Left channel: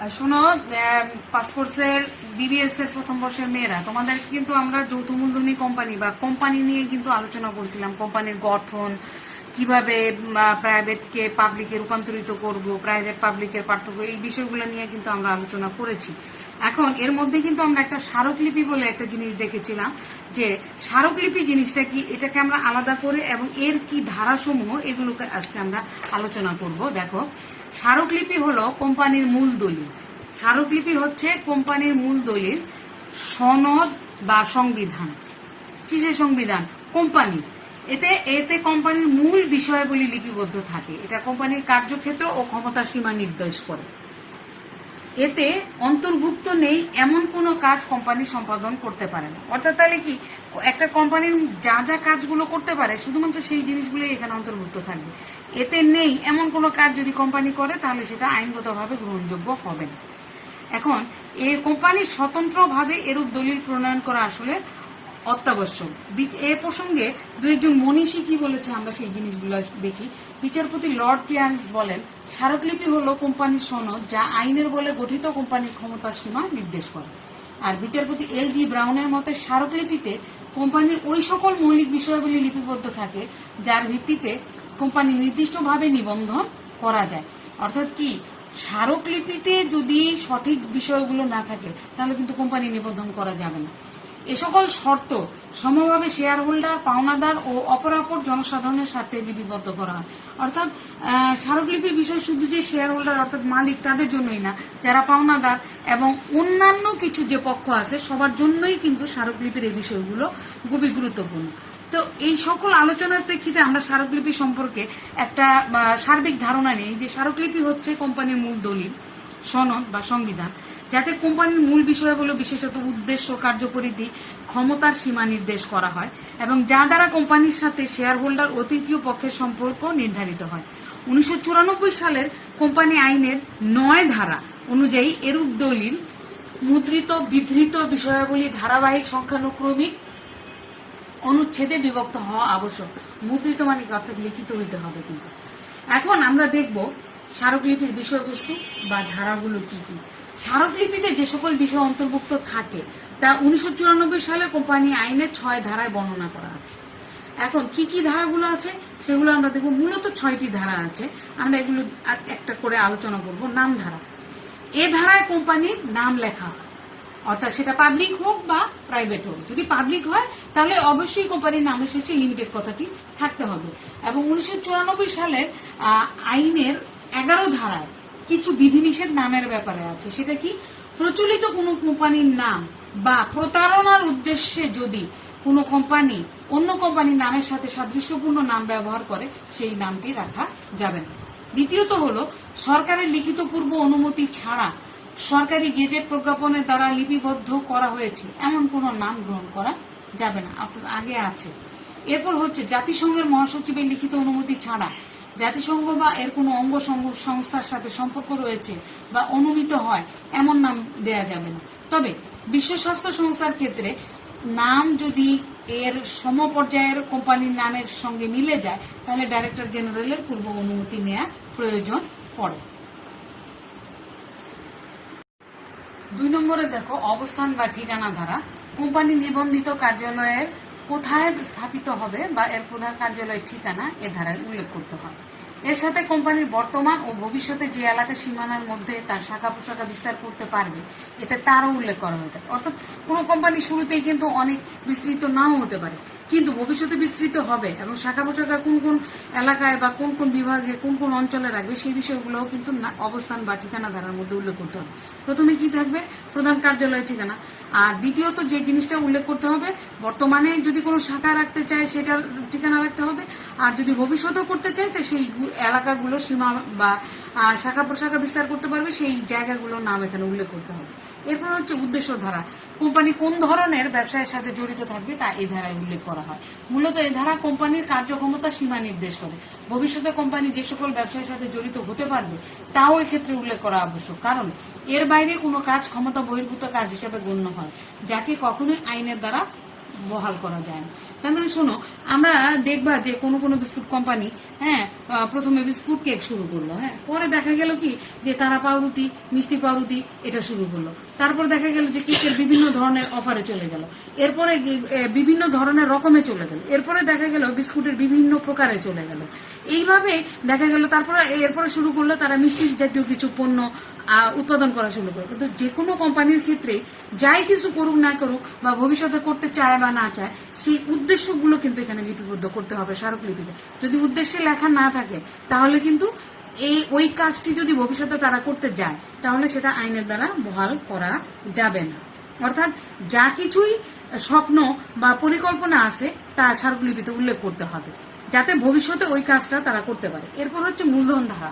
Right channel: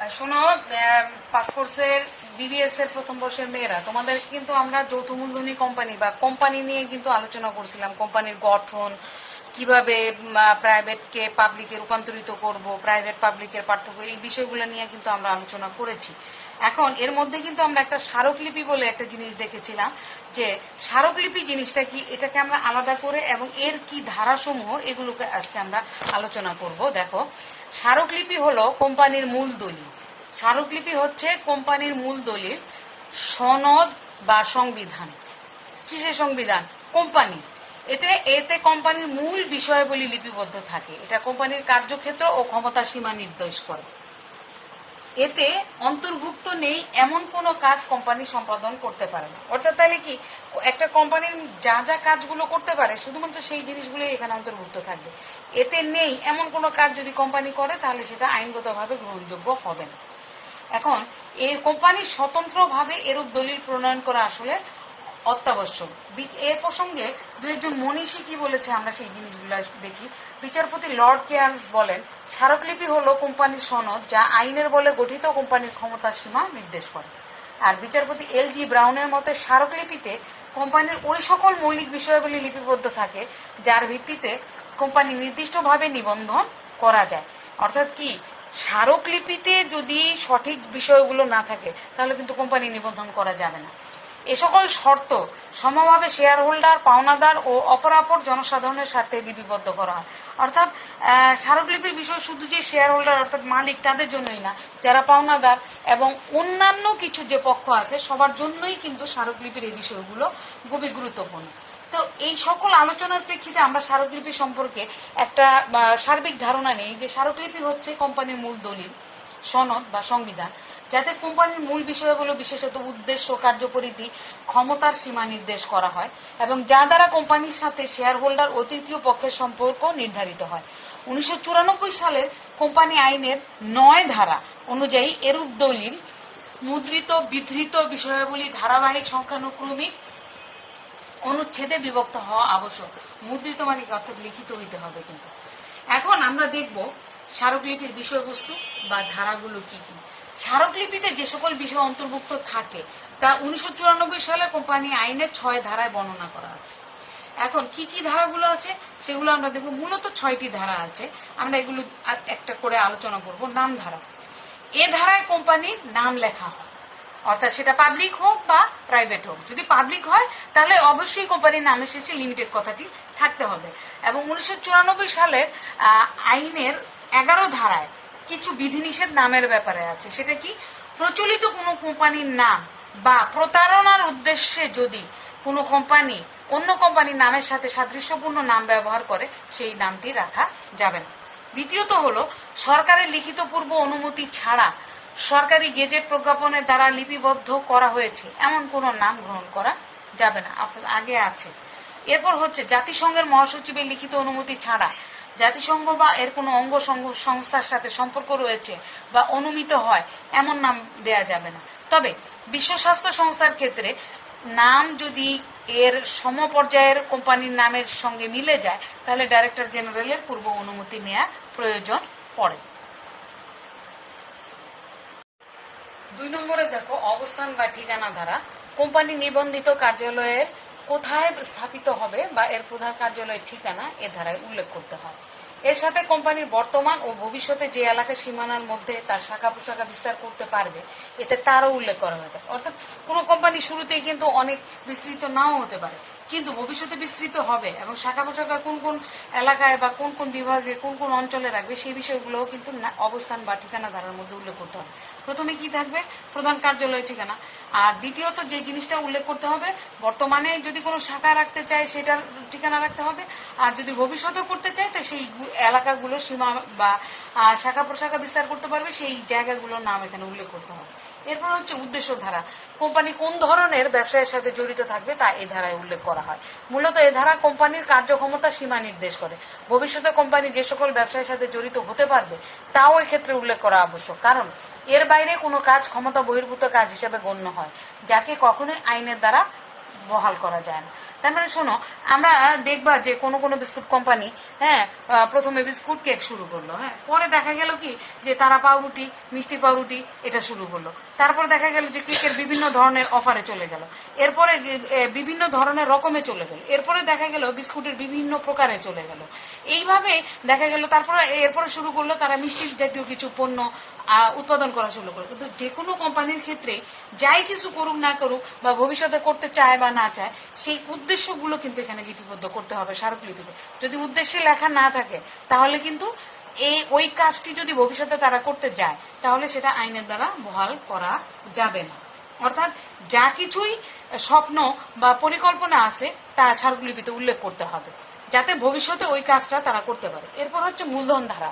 শোনো, পাস কোর্সের বিবিএস এর প্রথম বর্ষের মেয়েরা, তোমাদের কিন্তু আমরা যৌথ মূলধনী কোম্পানি বা কোম্পানি নিয়ে কিন্তু আলোচনা করছিলাম। কোম্পানির গঠন, কিভাবে প্রাইভেটকে পাবলিকে রূপান্তরিত করব, প্রাইভেট পাবলিকের পার্থক্য, এই বিষয়গুলো নিয়ে কিন্তু আমরা আলোচনা করেছি। এখন এর মধ্যে কিন্তু আমরা একটা স্মারকলিপি বলে একটা জিনিস দেখেছিলাম, যে স্মারকলিপি জিনিসটা কি, এটাকে আমরা আলাদা করে এবং এর কি ধারাসমূহ, এগুলোকে আজকে আমরা আলোচনা করব। দেখো, স্মারকলিপি হলো কোম্পানির মূল দলিল। স্মারকলিপি হচ্ছে কোম্পানির মূল দলিল, সনদ বা সংবিধান। কিসের সংবিধান? কোম্পানি। এতে এতে কোম্পানির মূল বিষয়াবলী লিপিবদ্ধ থাকে। এটা কোম্পানির কার্যক্ষেত্র ও ক্ষমতার সীমা নির্দেশ করে। এতে অন্তর্ভুক্ত নেই এমন কোনো কাজ কোম্পানি সম্পাদন করতে পারে না। অর্থাৎ তাহলে কি, একটা কোম্পানির যা যা কাজগুলো করতে পারে শুধুমাত্র সেই জিনিসগুলো এখানে অন্তর্ভুক্ত থাকবে। এতে নেই এমন কোনো কাজ যদি কোম্পানি করে, তাহলে সেটা আইনগতভাবে গ্রহণযোগ্য হবে না। এখন এই কোম্পানির স্বতন্ত্রভাবে এরূপ দলিল প্রণয়ন করা আসলে অত্যাবশ্যক। এ প্রসঙ্গে দু একজন মনীষী কি বলেছে আমরা সেই জিনিসগুলো দেখি। বিচারপতি লর্ড কেয়ার্স বলেন, স্মারকলিপি হলো কোম্পানির সনদ যা আইনের বলে গঠিত কোম্পানির ক্ষমতার সীমা নির্দেশ করে। আর বিচারপতি এল.জি. ব্রাউনের মতে স্মারকলিপিতে কোম্পানির ওই সকল মৌলিক বিষয়াবলী লিপিবদ্ধ থাকে যার ভিত্তিতে কোম্পানি নির্দিষ্টভাবে নিবন্ধন করা যায়। অর্থাৎ কি, স্মারকলিপিতে যদি সঠিক বিষয়গুলো না থাকে তাহলে কিন্তু কোম্পানি নিবন্ধন করা যাবে না। এ সকল শর্ত সমভাবে শেয়ার হোল্ডার, পাওনাদার ও অপরাপর জনসাধারণের স্বার্থে লিপিবদ্ধ করা হয়। অর্থাৎ স্মারকলিপির বিষয় শুধু যে শেয়ার হোল্ডার অর্থাৎ মালিক তাদের জন্যই না, যারা পাওনাদার এবং অন্যান্য কিছু যে পক্ষ আছে সবার জন্যই কিন্তু স্মারকলিপির এই বিষয়গুলো খুবই গুরুত্বপূর্ণ। তো এই সকল আলোচনার প্রেক্ষিতে আমরা স্মারকলিপি সম্পর্কে একটা সার্বিক ধারণা নেই যে স্মারকলিপি হচ্ছে কোম্পানির মূল দলিল, সনদ বা সংবিধান, যাতে কোম্পানির মূল বিষয়গুলো বিশেষত উদ্দেশ্য, কার্যপরিধি, ক্ষমতার সীমা নির্দেশ করা হয় এবং যা দ্বারা কোম্পানির সাথে শেয়ার হোল্ডার ও তৃতীয় পক্ষের সম্পর্ক নির্ধারিত হয়। 1994 সালের কোম্পানি আইনের 9 ধারা অনুযায়ী এরূপ দলিল মুদ্রিত বিধৃত বিষয়াবলী ধারাবাহিক সংখ্যানুক্রমিক অনুচ্ছেদে বিভক্ত হওয়া আবশ্যক। মুদ্রিত মানে অর্থাৎ লিখিত হইতে হবে। কিন্তু এখন আমরা দেখব স্মারকলিপির বিষয়বস্তু বা ধারাগুলো কি কি। স্মারকলিপিতে যে সকল বিষয় অন্তর্ভুক্ত থাকে তা 1994 সালে কোম্পানি আইনের 6 ধারায় বর্ণনা করা আছে। এখন কি কি ধারাগুলো আছে সেগুলো আমরা দেখব। মূলত 6টি ধারা আছে, আমরা এগুলো একটা করে আলোচনা করব। নাম ধারা, এ ধারায় কোম্পানির নাম লেখা হয়, অর্থাৎ সেটা পাবলিক হোক বা প্রাইভেট হোক। যদি পাবলিক হয় তাহলে অবশ্যই কোম্পানির নামের শেষে লিমিটেড কথাটি থাকতে হবে। এবং 1994 সালের আইনের 11 ধারায় কিছু বিধিনিষেধ নামের ব্যাপারে আছে। সেটা কি, প্রচলিত কোনো কোম্পানির নাম বা প্রতারণার উদ্দেশ্যে যদি কোনো কোম্পানি অন্য কোম্পানির নামের সাথে সাদৃশ্যপূর্ণ নাম ব্যবহার করে সেই নামটি রাখা যাবে না। দ্বিতীয়ত হলো, সরকারের লিখিত পূর্ব অনুমতি ছাড়া সরকারি গেজেট প্রজ্ঞাপনের দ্বারা লিপিবদ্ধ করা হয়েছে এমন কোন নাম গ্রহণ করা যাবে না, অর্থাৎ আগে আছে। এরপর হচ্ছে, জাতিসংঘের মহাসচিবের লিখিত অনুমতি ছাড়া জাতিসংঘ বা এর কোনো অঙ্গ সংস্থার সাথে সম্পর্ক রয়েছে বা অনুমিত হয় এমন নাম দেয়া যাবে না। তবে বিশ্ব স্বাস্থ্য সংস্থার ক্ষেত্রে নাম যদি এর সমপর্যায়ের কোম্পানির নামের সঙ্গে মিলে যায় তাহলে ডাইরেক্টর জেনারেলের পূর্ব অনুমতি নেওয়ার প্রয়োজন পড়ে। 2 নম্বরে দেখো, অবস্থান বা ঠিকানা ধারা। কোম্পানি নিবন্ধিত কার্যালয়ের কোথায় স্থাপিত হবে বা এর প্রধান কার্যালয়ের ঠিকানা এ ধারায় উল্লেখ করতে হয়। এর সাথে কোম্পানির বর্তমান ও ভবিষ্যতে যে এলাকা সীমানার মধ্যে তার শাখা প্রশাখা বিস্তার করতে পারবে এতে তারও উল্লেখ করা হয়ে থাকে। অর্থাৎ কোনো কোম্পানি শুরুতেই কিন্তু অনেক বিস্তৃত নাও হতে পারে, কিন্তু ভবিষ্যতে বিস্তৃত হবে এবং শাখা প্রশাখা কোন কোন এলাকায় বা কোন কোন বিভাগে কোন কোন অঞ্চলে রাখবে সেই বিষয়গুলোও কিন্তু অবস্থান বা ঠিকানা ধারার মধ্যে উল্লেখ করতে হবে। প্রথমে কি থাকবে, প্রধান কার্যালয়ের ঠিকানা। আর দ্বিতীয়ত যে জিনিসটা উল্লেখ করতে হবে, বর্তমানে যদি কোনো শাখা রাখতে চায় সেটার ঠিকানা রাখতে হবে, আর যদি ভবিষ্যতেও করতে চায় তো সেই এলাকাগুলো সীমা বা শাখা প্রশাখা বিস্তার করতে পারবে সেই জায়গাগুলোর নাম এখানে উল্লেখ করতে হবে। এরপর হচ্ছে উদ্দেশ্য ধারা। কোম্পানি কোন ধরনের ব্যবসায়ের সাথে জড়িত থাকবে তা এই ধারায় উল্লেখ করা হয়। মূলত এই ধারা কোম্পানির কার্যক্ষমতা সীমা নির্দেশ করে। ভবিষ্যতে কোম্পানি যে সকল ব্যবসায়ের সাথে জড়িত হতে পারবে তাও এক্ষেত্রে উল্লেখ করা আবশ্যক, কারণ এর বাইরে কোনো কাজ ক্ষমতা বহির্ভূত কাজ হিসেবে গণ্য হয়, যাকে কখনোই আইনের দ্বারা বহাল করা যায় না। তার মানে শোনো, আমরা দেখবা যে কোনো কোনো বিস্কুট কোম্পানি, হ্যাঁ, প্রথমে বিস্কুট কেক শুরু করলো, হ্যাঁ, পরে দেখা গেল কি যে তারা পাউরুটি, মিষ্টি পাউরুটি এটা শুরু করলো। তারপর দেখা গেল যে কেকের বিভিন্ন ধরনের অফারে চলে গেল, এরপরে বিভিন্ন ধরনের রকমে চলে গেল, এরপরে দেখা গেল বিস্কুটের বিভিন্ন প্রকারে চলে গেল। এইভাবে দেখা গেল তারপরে এরপরে শুরু করলো তারা মিষ্টি জাতীয় কিছু পণ্য উৎপাদন করা শুরু করে। কিন্তু যে কোনো কোম্পানির ক্ষেত্রে যাই কিছু করুক না করুক বা ভবিষ্যতে করতে চায় বা না চায়, সেই উদ্দেশ্যগুলো কিন্তু এখানে লিপিবদ্ধ করতে হবে স্মারকলিপিতে। যদি উদ্দেশ্যে লেখা না থাকে তাহলে কিন্তু ওই কাজটি যদি ভবিষ্যতে তারা করতে যায় তাহলে সেটা আইনের দ্বারা বহাল করা যাবে না। অর্থাৎ যা কিছুই স্বপ্ন বা পরিকল্পনা আছে তা স্মারকলিপিতে উল্লেখ করতে হবে, যাতে ভবিষ্যতে ওই কাজটা তারা করতে পারে। এরপর হচ্ছে মূলধন ধারা।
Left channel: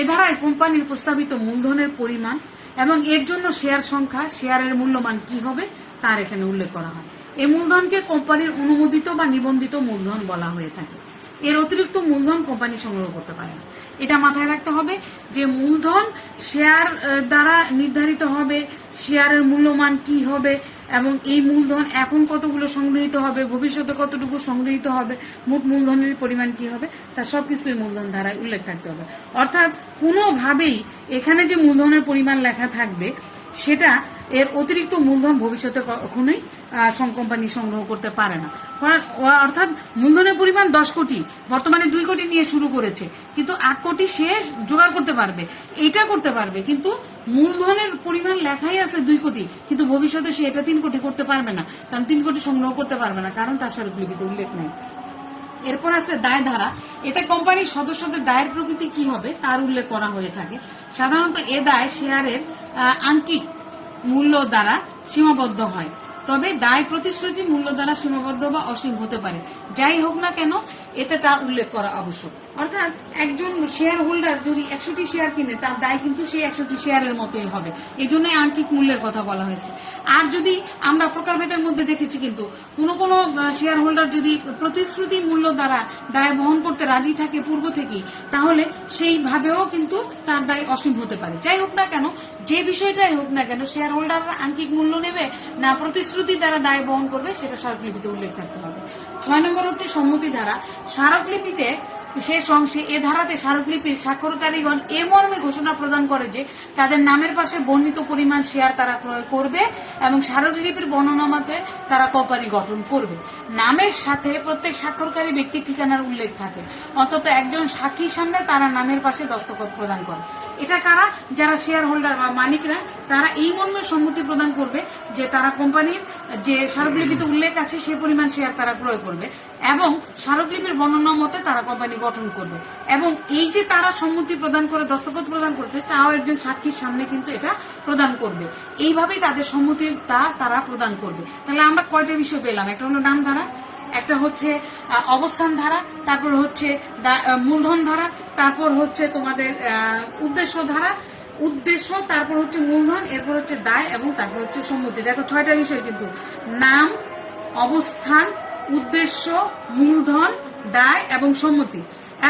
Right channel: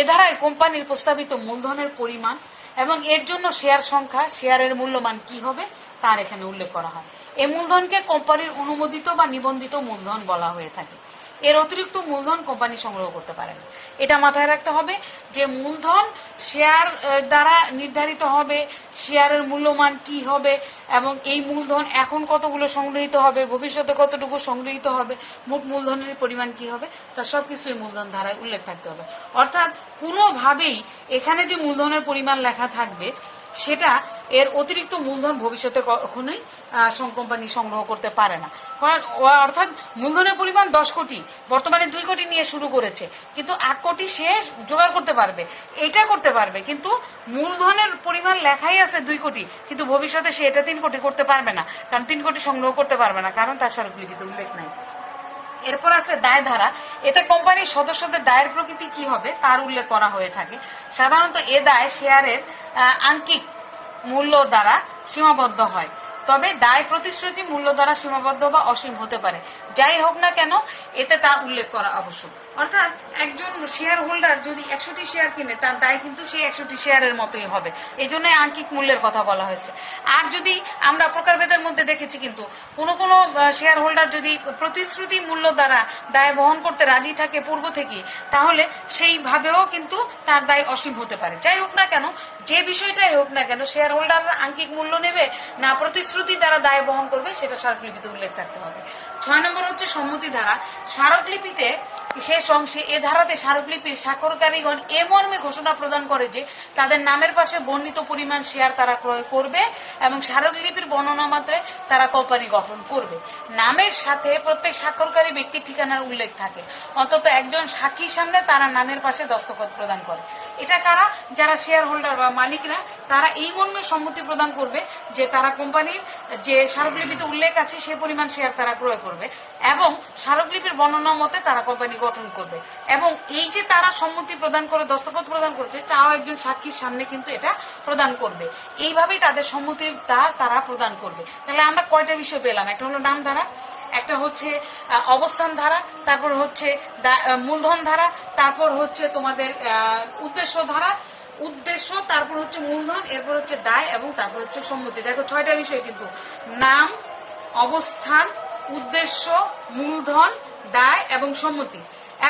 এ ধারায় কোম্পানির প্রস্তাবিত মূলধনের পরিমাণ এবং এর জন্য শেয়ার সংখ্যা, শেয়ারের মূল্যমান কি হবে তার এখানে উল্লেখ করা হয়। এই মূলধনকে কোম্পানির অনুমোদিত বা নিবন্ধিত মূলধন বলা হয়ে থাকে। এর অতিরিক্ত মূলধন কোম্পানি সংগ্রহ করতে পারে না। এটা মাথায় রাখতে হবে যে মূলধন শেয়ার দ্বারা নির্ধারিত হবে, শেয়ারের মূল্যমান কি হবে এবং এই মূলধন এখন কতগুলো সংগৃহীত হবে, ভবিষ্যতে কতটুকু সংগৃহীত হবে, মোট মূলধনের পরিমাণ কি হবে, তা সবকিছুই মূলধন ধারায় উল্লেখ থাকতে হবে। অর্থাৎ কোনোভাবেই এখানে যে মূলধনের পরিমাণ লেখা থাকবে সেটা এর অতিরিক্ত মূলধন ভবিষ্যতে কখনোই কোম্পানি সংগ্রহ করতে পারে না। অর্থাৎ মূলধনের পরিমাণ 10 কোটি, বর্তমানে 2 কোটি নিয়ে শুরু করেছে, কিন্তু 8 কোটি সে জোগাড় করতে পারবে, এটা করতে পারবে, কিন্তু মূলধনের পরিমাণ লেখাই আছে 2 কোটি, কিন্তু ভবিষ্যতে সে এটা 3 কোটি করতে পারবে না, কারণ 3 কোটি সংগ্রহ করতে পারবে না, কারণ তার স্মারকলিপিতে উল্লেখ নাই। এরপর আছে দায় ধারা। এতে কোম্পানির সদস্যদের দায়ের প্রকৃতি কি হবে তার উল্লেখ করা হয়ে থাকে। সাধারণত এ দায় শেয়ারের আঙ্কিক মূল্য দ্বারা সীমাবদ্ধ হয়, তবে দায় প্রতিশ্রুতি মূল্য দ্বারা সীমাবদ্ধ বা অসীম হতে পারে। যাই হোক না কেন এতে তা উল্লেখ করা আবশ্যক। অর্থাৎ একজন শেয়ার হোল্ডার যদি 100টি শেয়ার কিনে তার দায় কিন্তু সেই 100টি শেয়ারের মতোই হবে, এই জন্য আঙ্কিক মূল্যের কথা বলা হয়েছে। আর যদি আমরা প্রকারভেদের মধ্যে দেখেছি কিন্তু কোনো কোনো শেয়ার হোল্ডার যদি প্রতিশ্রুতি মূল্য দ্বারা দায় বহন করতে রাজি থাকে পূর্ব থেকেই, তাহলে সেইভাবেও কিন্তু তার দায় অসীম হতে পারে। যাই হোক না কেন, যে বিষয়টাই হোক না কেন, শেয়ার হোল্ডাররা আঙ্কিক মূল্য নেবে না প্রতিশ্রুতি দ্বারা দায় বহন করবে সেটা স্মারকলিপিতে উল্লেখ থাকতে হবে। 6 নম্বর হচ্ছে সম্মতি ধারা। স্মারকলিপিতে শেষ অংশে এ ধারাতে স্মারকলিপির স্বাক্ষরকারীগণ এ মর্মে ঘোষণা প্রদান করে যে তাদের নামের পাশে বর্ণিত পরিমাণ শেয়ার তারা ক্রয় করবে এবং স্মারকলিপির বর্ণনা মতে তারা কোম্পানি গঠন করবে। নামের সাথে প্রত্যেক স্বাক্ষরকারী ব্যক্তির ঠিকানার উল্লেখ থাকে, অন্তত একজন সাক্ষীর সামনে তারা নামের পাশে দস্তখত প্রদান করে। এটা কারা? যারা শেয়ার হোল্ডার বা মালিকরা, তারা এই মর্মে সম্মতি প্রদান করবে যে তারা কোম্পানির যে স্মারকলিপিতে উল্লেখ আছে সে পরিমাণ শেয়ার তারা ক্রয় করবে এবং স্মারকলিপির বর্ণনা মতে তারা কোম্পানি গঠন করবে। এবং এই যে তারা সম্মতি প্রদান করে দস্তখত প্রদান করছে, তাও একজন সাক্ষীর সামনে কিন্তু এটা প্রদান করবে। এইভাবেই তাদের সম্মতিটা তারা প্রদান করবে। তাহলে আমরা কয়টা বিষয় পেলাম? একটা হলো নাম ধারা, একটা হচ্ছে অবস্থান ধারা, তারপর হচ্ছে মূলধন ধারা, তারপর হচ্ছে তোমাদের উদ্দেশ্য ধারা, উদ্দেশ্য, তারপর হচ্ছে মূলধন, এরপর হচ্ছে দায় এবং তারপর হচ্ছে সম্মতি। দেখো 6টা বিষয় কিন্তু: নাম, অবস্থান, উদ্দেশ্য, মূলধন, দায় এবং সম্মতি।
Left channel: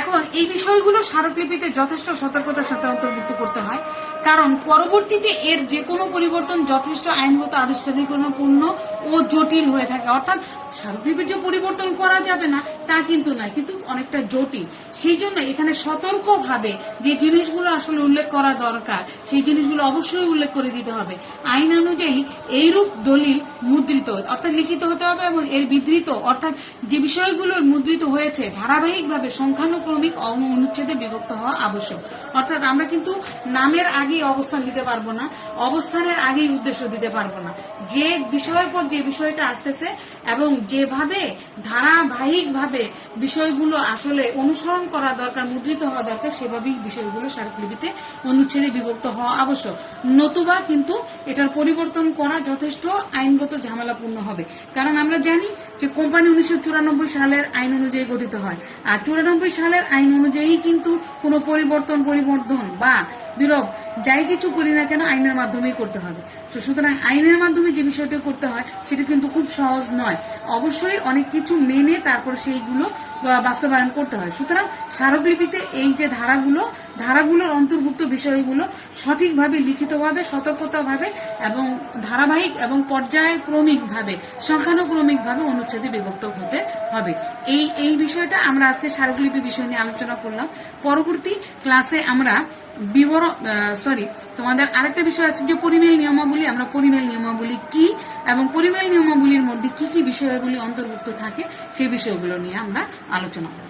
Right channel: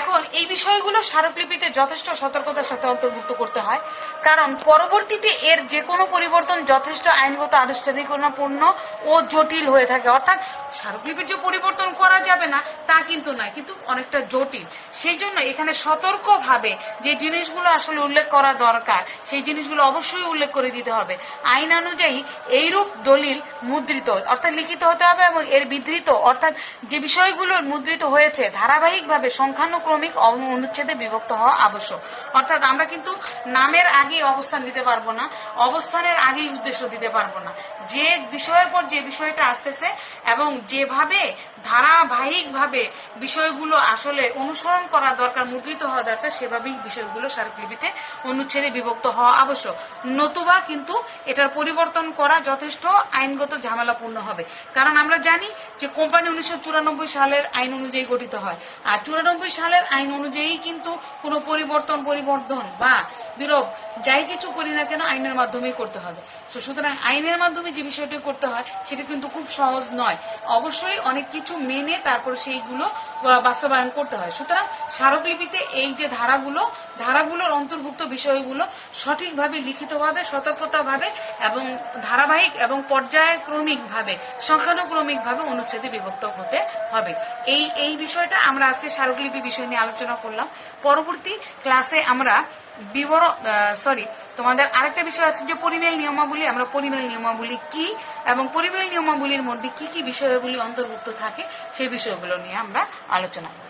এখন এই বিষয়গুলো স্মারকলিপিতে যথেষ্ট সতর্কতার সাথে অন্তর্ভুক্ত করতে হয়, কারণ পরবর্তীতে এর যে কোনো পরিবর্তন যথেষ্ট আইনগত আনুষ্ঠানিকতাপূর্ণ ও জটিল হয়ে থাকে। অর্থাৎ স্মারকলিপির যে পরিবর্তন করা যাবে না তা কিন্তু নয়, কিন্তু অনেকটা জটিল। সেই জন্য এখানে সতর্কভাবে যে জিনিসগুলো আসলে উল্লেখ করা দরকার সেই জিনিসগুলো অবশ্যই উল্লেখ করে দিতে হবে। আইন অনুযায়ী এইরূপ দলিল মুদ্রিত অর্থাৎ লিখিত হতে হবে এবং এর বিধৃত অর্থাৎ যে বিষয়গুলো মুদ্রিত হয়েছে ধারাবাহিকভাবে সংখ্যানুক্রমিক অনুচ্ছেদে বিভক্ত হওয়া আবশ্যক। অর্থাৎ আমরা কিন্তু নামের আগে অবস্থান দিতে পারবো না, অবস্থানের আগেই উদ্দেশ্য দিতে পারবো না। যে বিষয়ের পর যে বিষয়টা আসতেছে এবং যেভাবে ধারাবাহিকভাবে বিষয়গুলো আসলে অনুসরণ করা দরকার, মুদ্রিত হওয়া দরকার, সেভাবেই বিষয়গুলো স্মারকলিপিতে অনুচ্ছেদে বিভক্ত হওয়া আবশ্যক। নতুবা কিন্তু এটার পরিবর্তন করা যথেষ্ট আইনগত ঝামেলাপূর্ণ হবে। কারণ আমরা জানি যে কোম্পানি 1994 সালের আইন অনুযায়ী গঠিত হয়, আর 94 সালের আইন অনুযায়ী কিন্তু কোনো পরিবর্তন বা বিলোপ যাই কিছু করি না কেন আইনের মাধ্যমেই করতে হবে। সুতরাং আইনের মাধ্যমে যে বিষয়টা করতে হয় সেটা কিন্তু খুব সহজ নয়, অবশ্যই অনেক কিছু মেনে তারপর সেইগুলো বাস্তবায়ন করতে হয়। সুতরাং স্মারকলিপিতে এই যে ধারাগুলোর অন্তর্ভুক্ত বিষয়গুলো সঠিকভাবে লিখিতভাবে সতর্কতাভাবে এবং ধারাবাহিক এবং পর্যায়ক্রমিকভাবে সংখ্যানুক্রমিকভাবে অনুচ্ছেদে বিভক্ত হতে হবে। এই বিষয়টা আমরা আজকে স্মারকলিপি বিষয় নিয়ে আলোচনা করলাম। পরবর্তী ক্লাসে আমরা তোমাদের আরেকটা বিষয় আছে যে পরিমেল নিয়মাবলী। আমরা পরিমেল নিয়মাবলী কি এবং পরিমেল নিয়মাবলীর মধ্যে কি কি বিষয়গুলি অন্তর্ভুক্ত থাকে সেই বিষয়গুলো নিয়ে আমরা আলোচনা করব।